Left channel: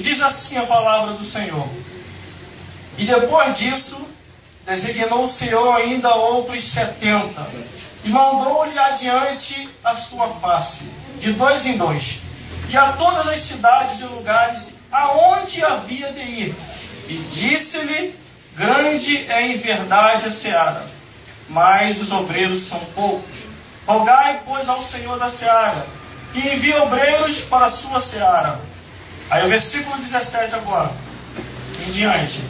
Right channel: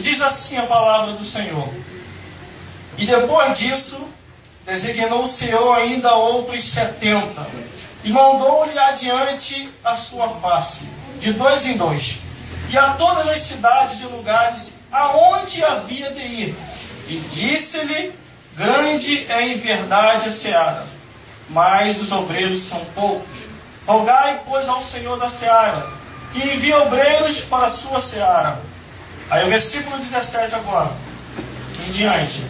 E diz assim a palavra do Senhor: e depois disso, designou o Senhor ainda outros 70, e mandou-lhe adiante a sua face, de 2 em 2, e a todas as cidades e lugares aonde havia de ir. E disse-lhe: grande é em verdade a seara, mas os obreiros são poucos. Rogai, pois, ao Senhor da seara, que envie obreiros para a sua seara. Aí o versículo 17 agora, em diante.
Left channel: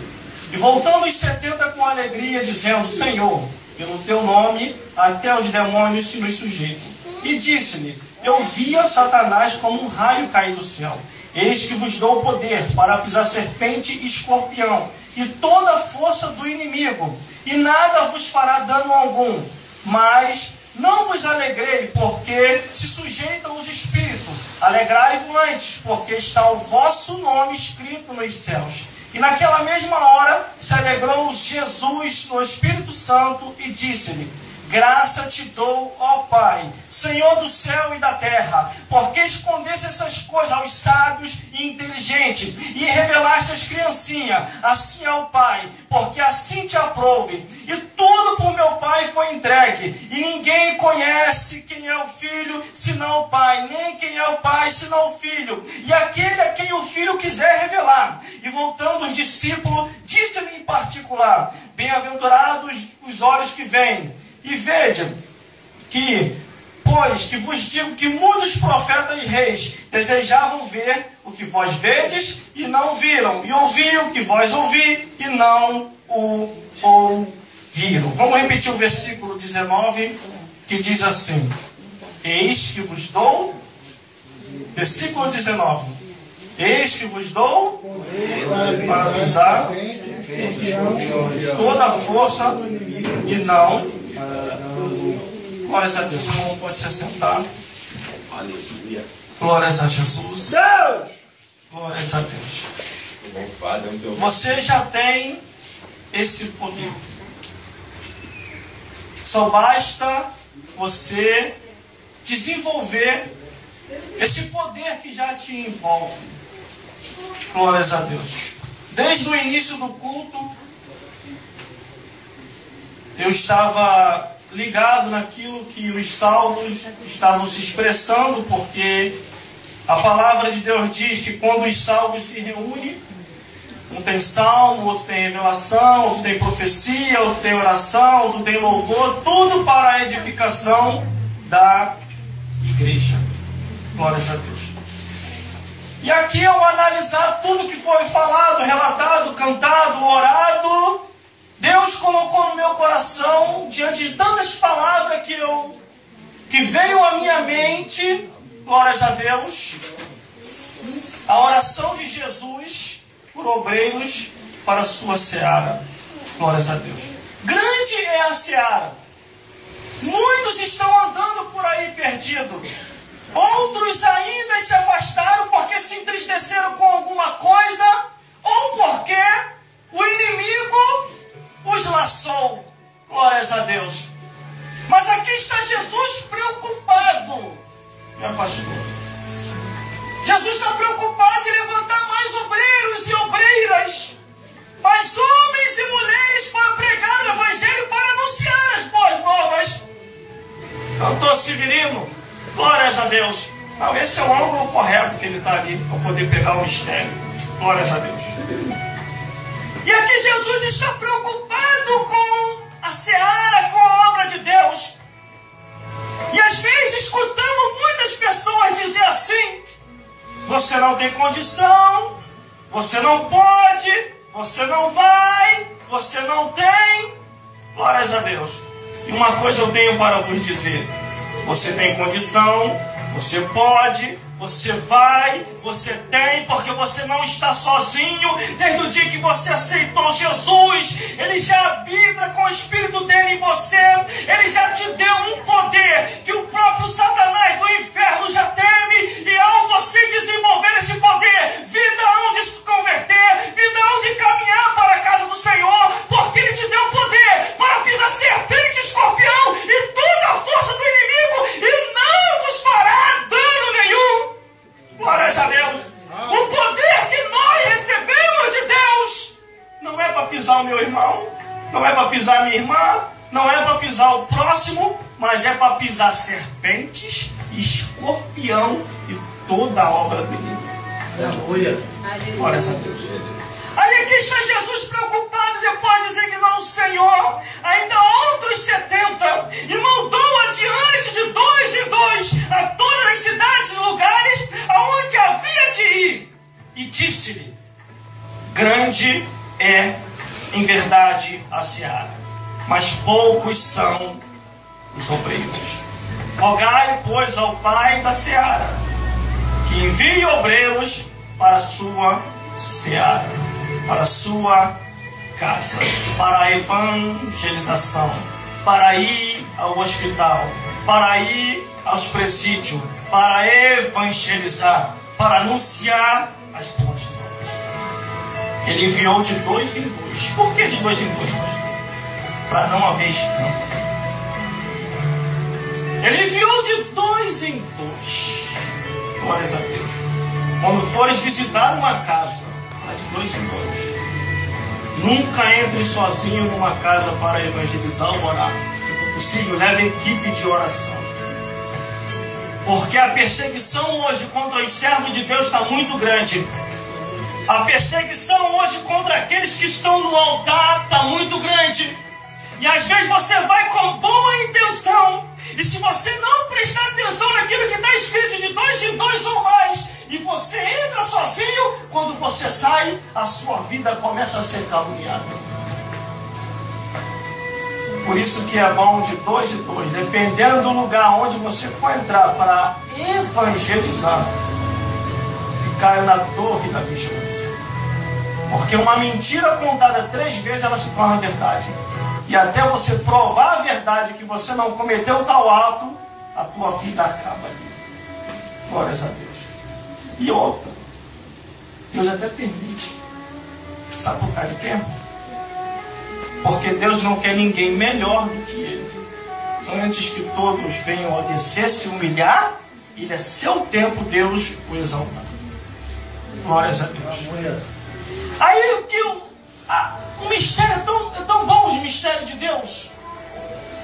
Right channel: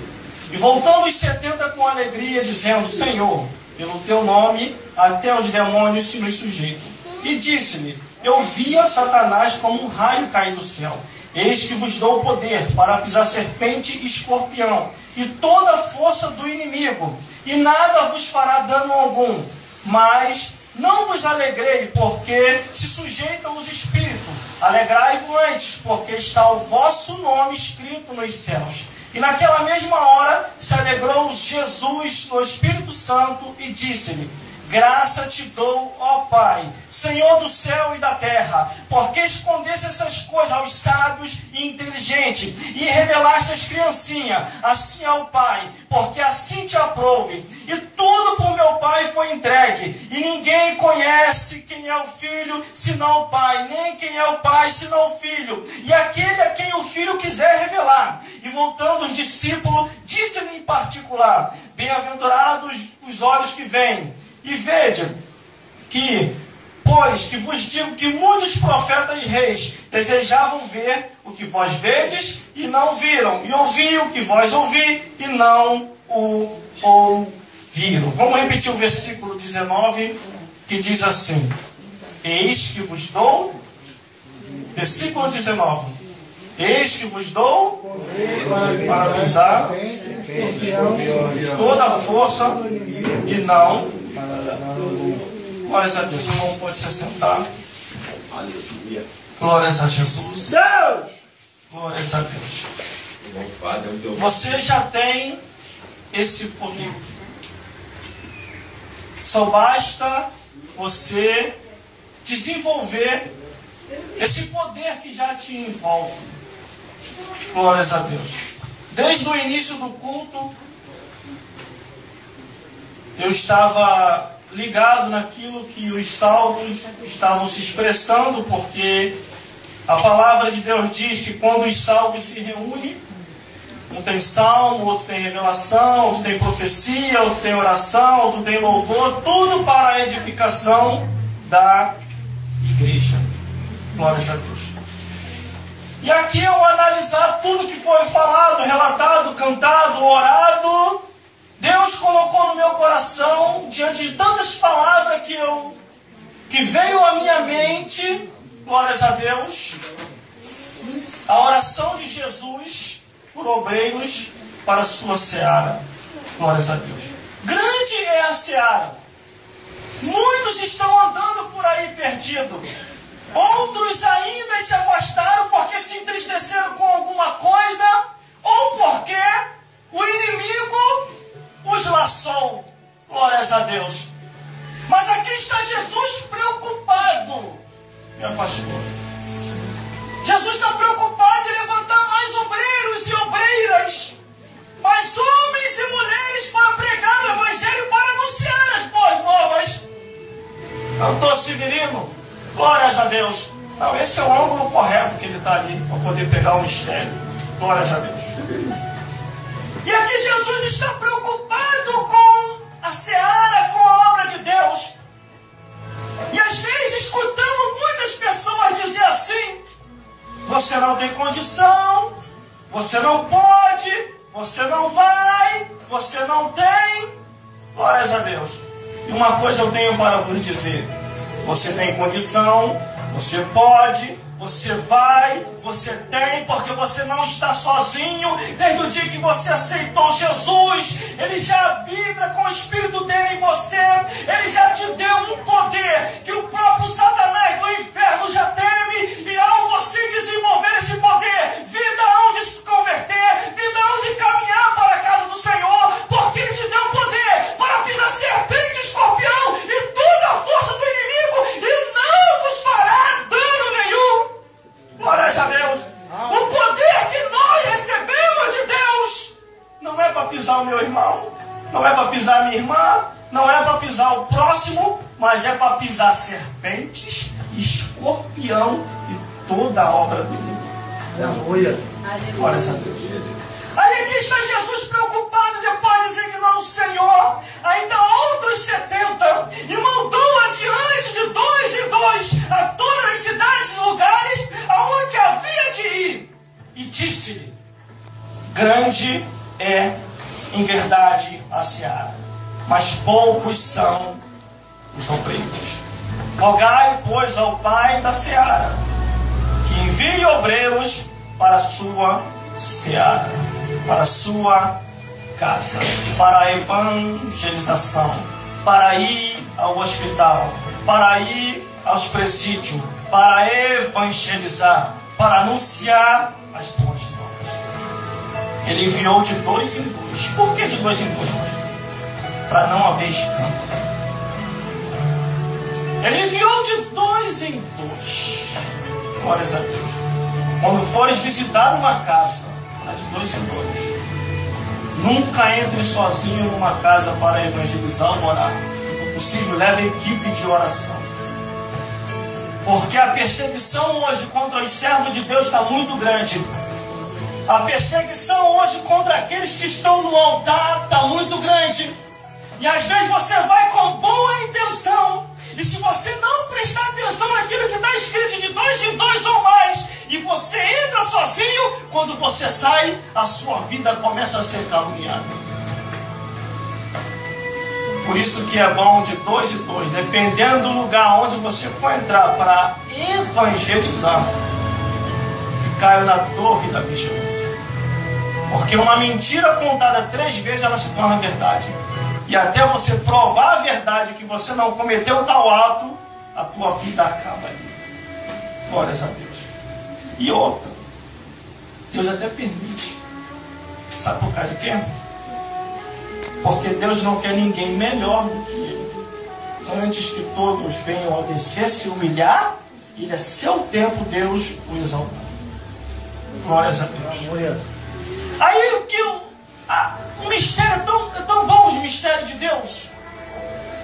E voltando os 70 com alegria, dizendo: Senhor, pelo teu nome, até os demônios se nos sujeitam. E disse-lhe: eu via Satanás como um raio cair do céu. Eis que vos dou o poder para pisar serpente e escorpião, e toda a força do inimigo, e nada vos fará dano algum. Mas não vos alegrei, porque se sujeitam os espíritos. Alegrai-vos antes, porque está o vosso nome escrito nos céus. E naquela mesma hora se alegrou Jesus no Espírito Santo e disse-lhe: graça te dou, ó Pai, Senhor do céu e da terra, porque escondeste essas coisas aos sábios e inteligentes, e revelaste às criancinhas, assim ao Pai, porque assim te aprouve. E tudo por meu Pai foi entregue, e ninguém conhece quem é o Filho, senão o Pai, nem quem é o Pai, senão o Filho, e aquele a quem o Filho quiser revelar. E voltando os discípulos, disse-lhe em particular: bem-aventurados os olhos que veem, e vede que, pois que vos digo que muitos profetas e reis desejavam ver o que vós vedes e não viram, e ouvir o que vós ouvi e não o ouviram. Vamos repetir o versículo 19, que diz assim: eis que vos dou, versículo 19, eis que vos dou para pisar toda a força e não. Glórias a Deus. O irmão pode se assentar. Aleluia. Glórias a Jesus. Deus! Glórias a Deus. Louvado. Você já tem esse poder. Só basta você desenvolver esse poder que já te envolve. Glórias a Deus. Desde o início do culto, eu estava ligado naquilo que os salmos estavam se expressando, porque a palavra de Deus diz que quando os salmos se reúnem, um tem salmo, outro tem revelação, outro tem profecia, outro tem oração, outro tem louvor, tudo para a edificação da igreja. Glórias a Deus. E aqui, ao analisar tudo que foi falado, relatado, cantado, orado, Deus colocou no meu coração, diante de tantas palavras que veio à minha mente, glórias a Deus, a oração de Jesus por obreiros para a sua seara. Glórias a Deus. Grande é a seara. Muitos estão andando por aí perdidos. Outros ainda se afastaram porque se entristeceram com alguma coisa, ou porque o inimigo os laçou. Glórias a Deus. Mas aqui está Jesus preocupado, meu pastor. Jesus está preocupado em levantar mais obreiros e obreiras, mais homens e mulheres para pregar o Evangelho, para anunciar as boas novas. Doutor Severino, glórias a Deus. Não, esse é o ângulo correto que ele está ali, para poder pegar o mistério. Glórias a Deus. E aqui Jesus está preocupado com a seara, com a obra de Deus. E às vezes escutamos muitas pessoas dizer assim: você não tem condição, você não pode, você não vai, você não tem. Glórias a Deus. E uma coisa eu tenho para vos dizer: você tem condição, você pode, você vai, você tem, porque você não está sozinho. Desde o dia que você aceitou Jesus, Ele já habita com o Espírito dele em você. Ele já te deu um poder que o próprio Satanás do inferno já teme. E ao você desenvolver esse poder, vida onde se converter, vida onde caminhar para a casa do Senhor, porque Ele te deu poder para pisar serpente, escorpião e toda a força do inimigo, e não vos fará dano nenhum. Glórias a Deus. O poder que nós pisar o meu irmão, não é para pisar a minha irmã, não é para pisar o próximo, mas é para pisar serpentes, escorpião e toda a obra do inimigo. Aleluia. Glória a Deus. Aí aqui está Jesus preocupado, depois de designar o Senhor, ainda outros 70, e mandou adiante de 2 em 2 a todas as cidades e lugares aonde havia de ir. E disse-lhe: grande é, em verdade, a seara, mas poucos são os obreiros. Rogai, pois, ao Pai da seara, que envie obreiros para a sua seara, para a sua casa, para a evangelização, para ir ao hospital, para ir aos presídios, para evangelizar, para anunciar as boas novas. Ele enviou de 2 em 2. Por que de 2 em 2? Para não haver escândalo. Ele enviou de 2 em 2. Glórias a Deus. Quando fores visitar uma casa, vai de 2 em 2. Nunca entre sozinho numa casa para evangelizar ou orar. Se possível, leve equipe de oração. Porque a perseguição hoje contra os servos de Deus está muito grande. A perseguição hoje contra aqueles que estão no altar está muito grande. E às vezes você vai com boa intenção. E se você não prestar atenção naquilo que está escrito de 2 em 2 ou mais, e você entra sozinho, quando você sai, a sua vida começa a ser caluniada. Por isso que é bom de 2 em 2, dependendo do lugar onde você for entrar para evangelizar, e caiu na torre da vigilância. Porque uma mentira contada 3 vezes, ela se torna verdade. E até você provar a verdade que você não cometeu tal ato, a tua vida acaba ali. Glórias a Deus. E outra, Deus até permite. Sabe por causa de quê? Porque Deus não quer ninguém melhor do que Ele. Antes que todos venham a descer, se humilhar, e é seu tempo Deus o exaltar. Glórias a Deus. Aí que o mistério é tão bom, o mistério de Deus,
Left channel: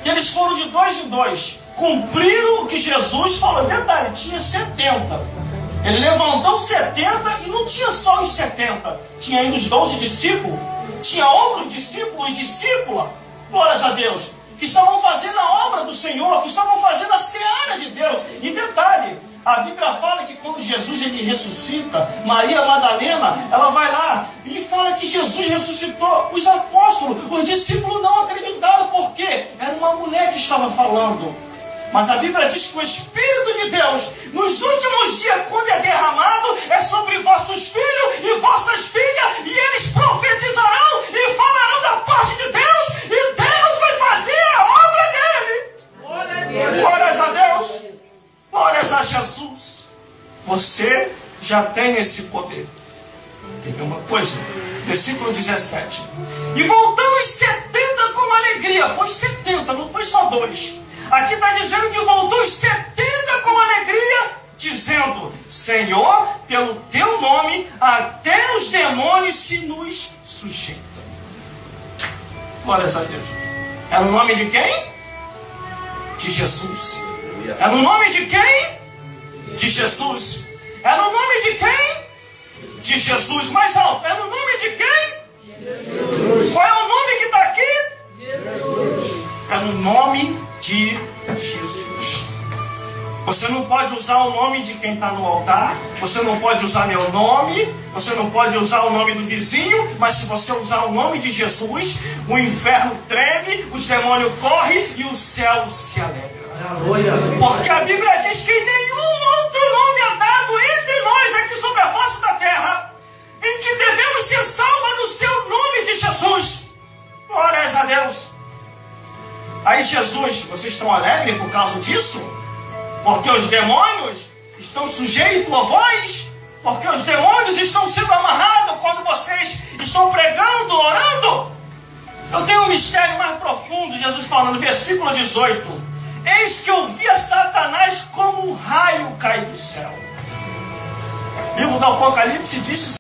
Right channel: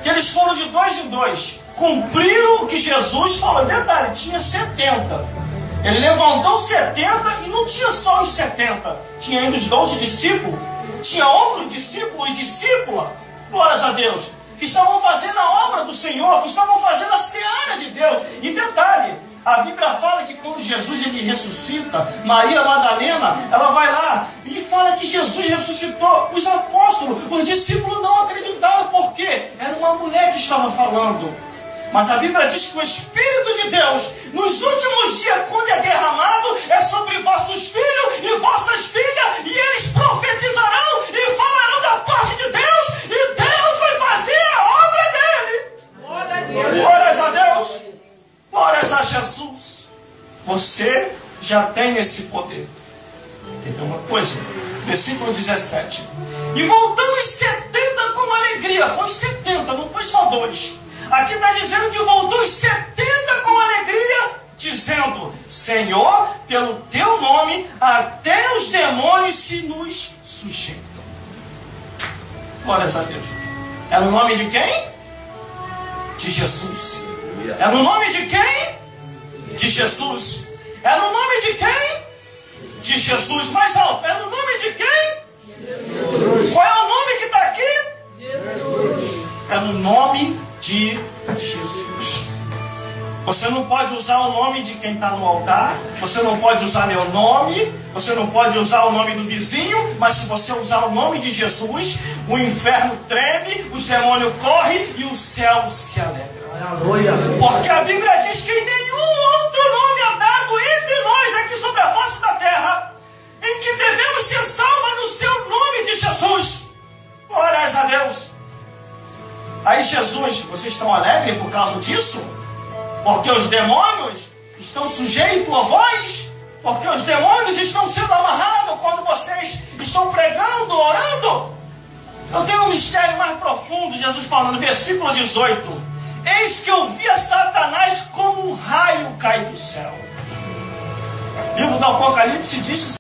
que eles foram de 2 em 2. Cumpriram o que Jesus falou. Detalhe, tinha 70. Ele levantou 70 e não tinha só os 70. Tinha ainda os 12 discípulos. Tinha outros discípulos e discípula, glórias a Deus, que estavam fazendo a obra do Senhor, que estavam fazendo a seara de Deus. E detalhe, a Bíblia fala que quando Jesus ele ressuscita, Maria Madalena, ela vai lá e fala que Jesus ressuscitou. Os apóstolos, os discípulos não acreditaram, porque era uma mulher que estava falando. Mas a Bíblia diz que o Espírito de Deus, nos últimos dias, quando é derramado, é sobre vossos filhos e vossas filhas, e eles profetizarão e falarão da parte de Deus, e Deus vai fazer a obra dele. Glórias a Deus. Glórias a Jesus. Você já tem esse poder. Teve uma coisa, versículo 17. E voltando os 70 com alegria. Foi 70, não foi só 2. Aqui está dizendo que voltou os 70 com alegria, dizendo: Senhor, pelo teu nome, até os demônios se nos sujeitam. Glórias a Deus. Era o nome de quem? De Jesus. Era o nome de quem? De Jesus. Era o nome de quem? De Jesus. Mais alto. Era o nome de quem? Jesus. Qual era o nome que está aqui? Jesus. Era o nome de Jesus. Você não pode usar o nome de quem está no altar. Você não pode usar meu nome. Você não pode usar o nome do vizinho. Mas se você usar o nome de Jesus, o inferno treme, os demônios correm e o céu se alegra. Porque a Bíblia diz que nenhum outro nome é dado entre nós aqui sobre a face da terra em que devemos ser salvos no seu nome de Jesus. Glórias a Deus. Aí Jesus, vocês estão alegres por causa disso? Porque os demônios estão sujeitos a vós? Porque os demônios estão sendo amarrados quando vocês estão pregando, orando? Eu tenho um mistério mais profundo, Jesus falando no versículo 18. Eis que eu via Satanás como um raio cair do céu. O livro do Apocalipse diz que